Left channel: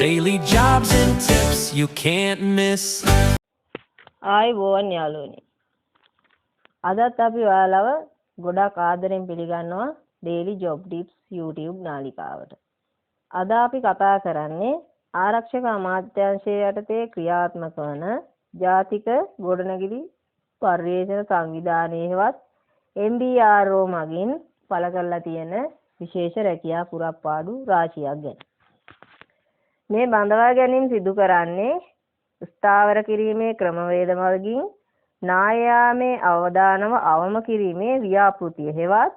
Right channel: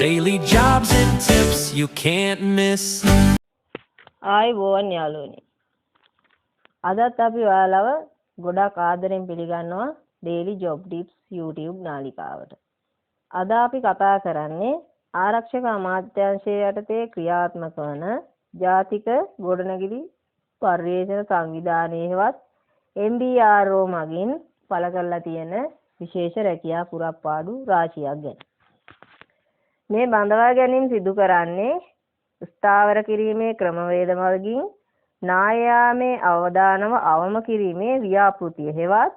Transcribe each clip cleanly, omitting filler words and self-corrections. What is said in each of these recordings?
Daily jobs and tips you can't miss. ආයුබෝවන් යාළුවනි. අදත් අපි ඔයාලව ගොඩක් ආදරෙන් පිළිගන්නවා Daily Job Tips YouTube නාලිකාවට. අද අපි කතා කරන්නේ ආරක්ෂක අමාත්‍යාංශයේ යටතේ ක්‍රියාත්මක වන ජාතික ගොඩනැගිලි පර්යේෂණ සංවිධානයේවත් MBRO මගින් පළ කරලා තියෙන විශේෂ රැකියා පුරප්පාඩු රාශියක් ගැන. මේ බඳවා ගැනීම සිදු කරන්නේ ස්ථාවර කිරීමේ ක්‍රමවේද මගින් නායාමේ අවදානම අවම කිරීමේ ව්‍යාපෘතිය හෙවත්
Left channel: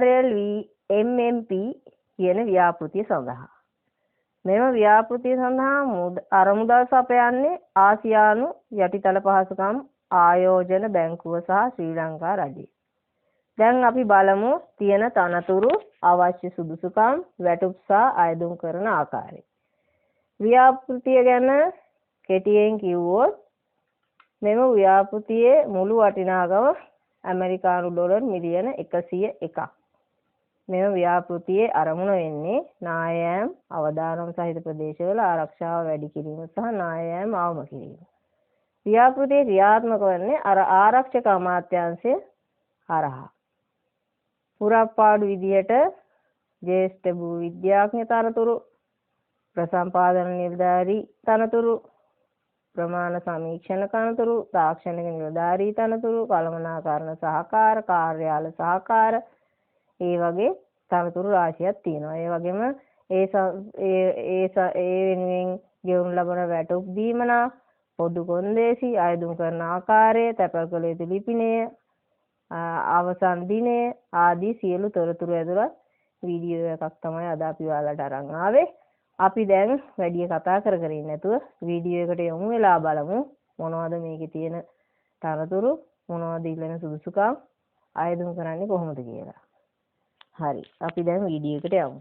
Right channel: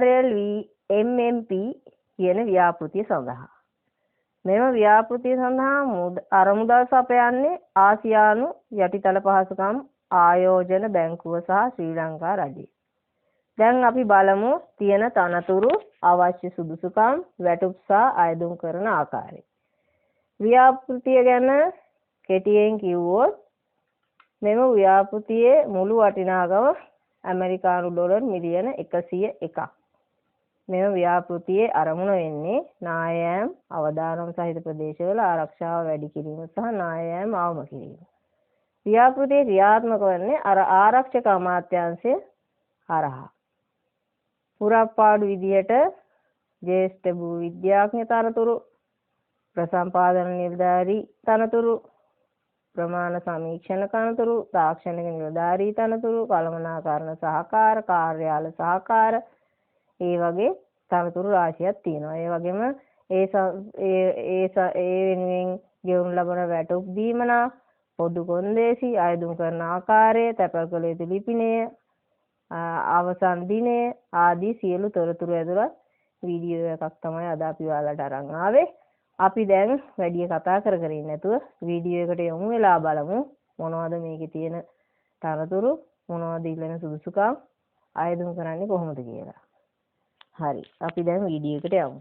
RLVMMP කියන ව්‍යාපෘතිය සඳහා. මෙම ව්‍යාපෘතිය සඳහා අරමුදල් සපයන්නේ ආසියානු යටිතල පහසුකම් ආයෝජන බැංකුව සහ ශ්‍රී ලංකා රජය. දැන් අපි බලමු තියෙන තනතුරු අවශ්‍ය සුදුසුකම් වැටුප් සහ අයදුම් කරන ආකාරය. ව්‍යාපෘතිය ගැන කෙටියෙන් කිව්වොත් මෙම ව්‍යාපෘතියේ මුළු වටිනාකම ඇමරිකානු ඩොලර් මිලියන 101ක්. මෙම ව්‍යාපෘතියේ අරමුණ වෙන්නේ නායෑම් අවදානම් සහිත ප්‍රදේශවල ආරක්ෂාව වැඩි කිරීම සහ නායෑම් අවම කිරීම. ව්‍යාපෘතිය ක්‍රියාත්මක වන්නේ ආරක්ෂක අමාත්‍යාංශය හරහා. පුරප්පාඩු විදියට ජ්‍යෙෂ්ඨ භූ විද්‍යාඥ තනතුරු, ප්‍රසම්පාදන නිලධාරී තනතුරු, ප්‍රමාණ සමීක්ෂණ තනතුරු, තාක්ෂණික නිලධාරී තනතුරු, කළමනාකරණ සහකාර, කාර්යාල සහකාර, ඒ වගේ තනතුරු රාශියක් තියෙනවා. ඒ වගේම ඒ වෙනුවෙන් ගෙවනු ලබන වැටුප් දීමනා, පොදු කොන්දේසි, අයදුම් කරන ආකාරය, තැපැල් කළ යුතු ලිපිනය, අවසන් දිනය ආදී සියලු තොරතුරු ඇතුළත් වීඩියෝ එකක් තමයි අද අපි ඔයාලට අරන් ආවේ. අපි දැන් වැඩි කතා කර ඉන්නේ නැතුව වීඩියෝ එකට යමු වෙලා බලමු මොනවද මේකේ තියෙන තනතුරු, මොනවද ඉල්ලන සුදුසුකම්, අයදුම් කරන්නේ කොහොමද කියලා. හරි, අපි දැන් වීඩියෝ එකට යමු.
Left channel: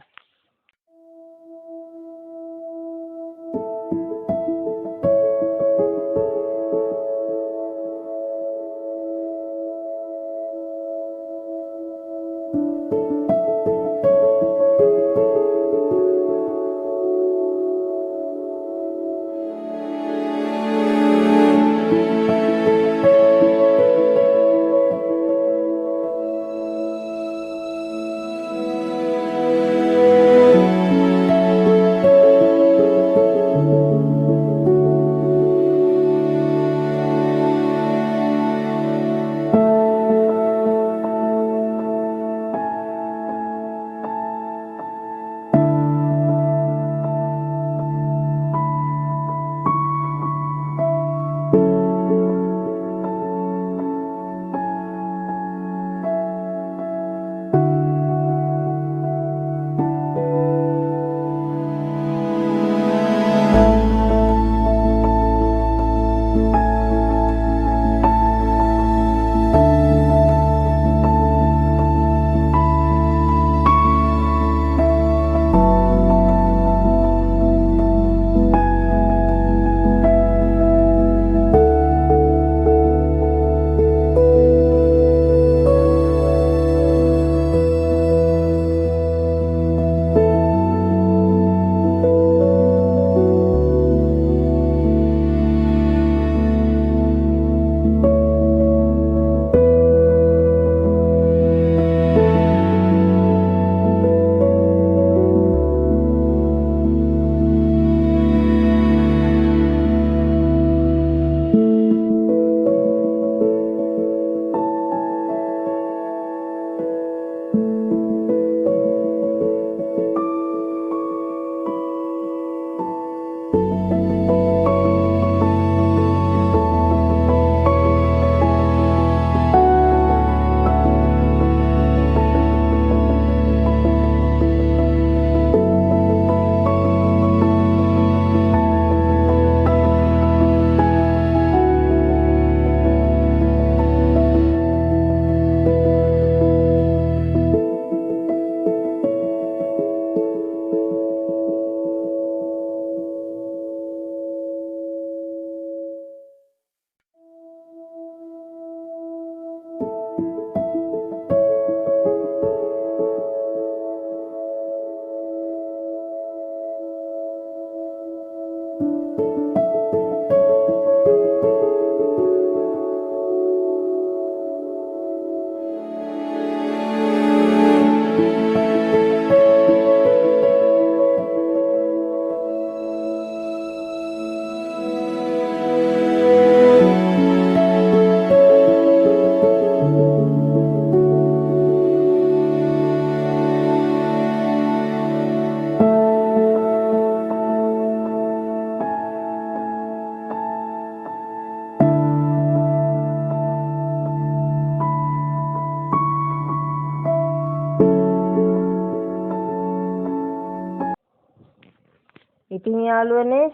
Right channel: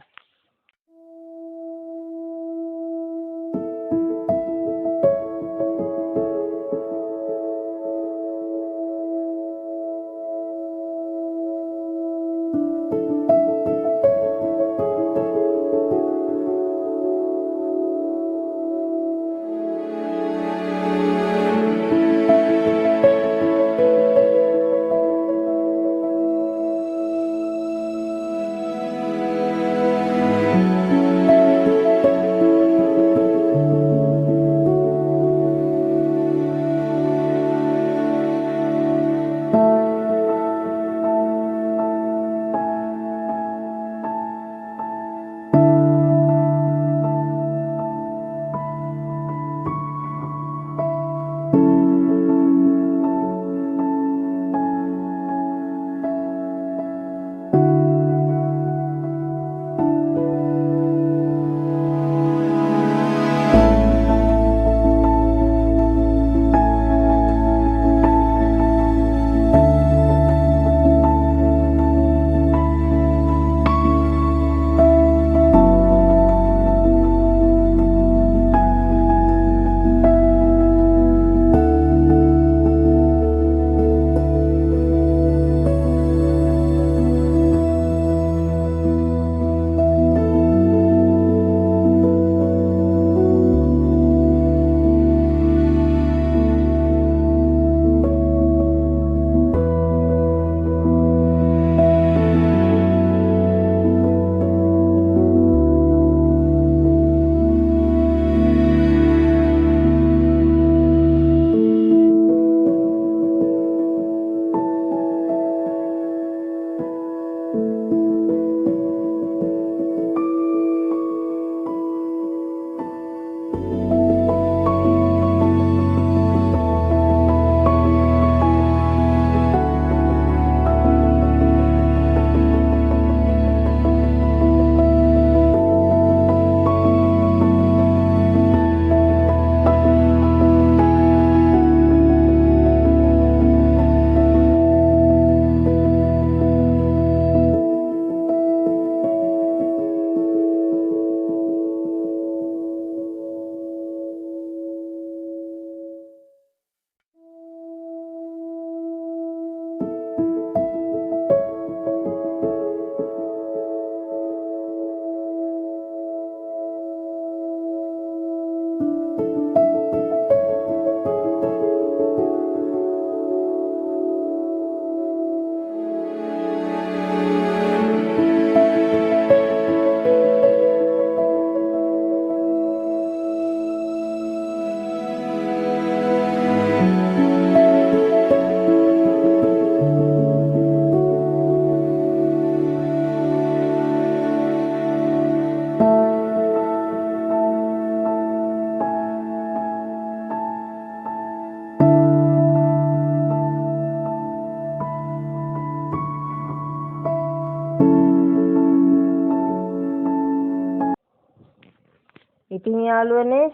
ඉතින් යාළුවනේ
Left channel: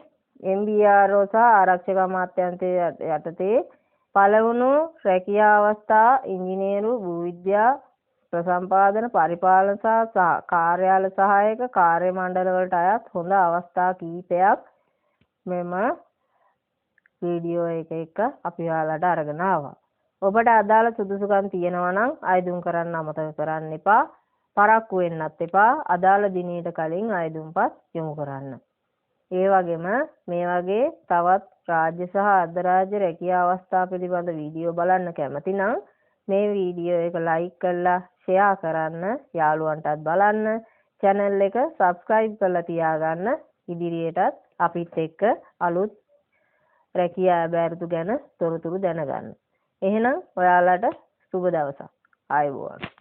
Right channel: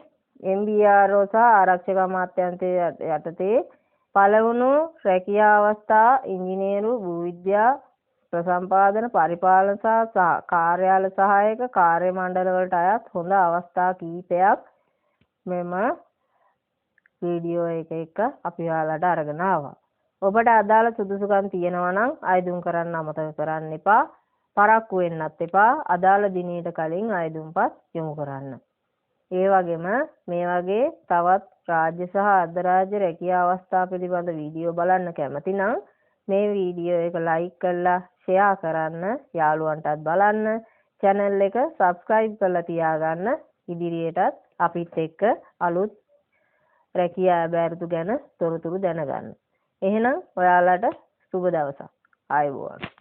MBRO සහ ආරක්ෂක අමාත්‍යාංශය යටතේ පළවුණු රැකියා අවස්ථා ඉංජිනේරු භූවිද්‍යා ප්‍රසම්පාදන පරිපාලන සහ කාර්යාල සහායක කාර්ය මණ්ඩල වලට අයත් හොඳ අවස්ථා කීපයක් මෙම වීඩියෝ එක අපි ඔයාලට අරගෙන ආවා. ඔබට අදාළ සුදුසුකම් තියෙනවා නම් අයදුම් කරන්න අමතක කරන්න එපා. පරක්කු වෙන්නත් එපා. අදාළ දිනයට කලින් අයදුම්පත් යොමු කරන්න. ඒ වගේම මේ වගේ තවත් රාජ්‍ය සහ අර්ධරාජ්‍ය රැකියා අවස්ථා පිළිබඳ වීඩියෝ බලන්න කැමති නම් මේ වීඩියෝ එක ලයික් කරලා ෂෙයා කරන්න, යාළුවන්ටත් බලන්න, channel එක subscribe කරලා තියාගන්න. ඉදිරියටත් අපිත් එක්ක අලුත් රැකියා බැරිතු ගැන තොරතුරු දැනගන්න. එහෙනම් ඔයාලට සුබ දවසක්. ආයුබෝවන්.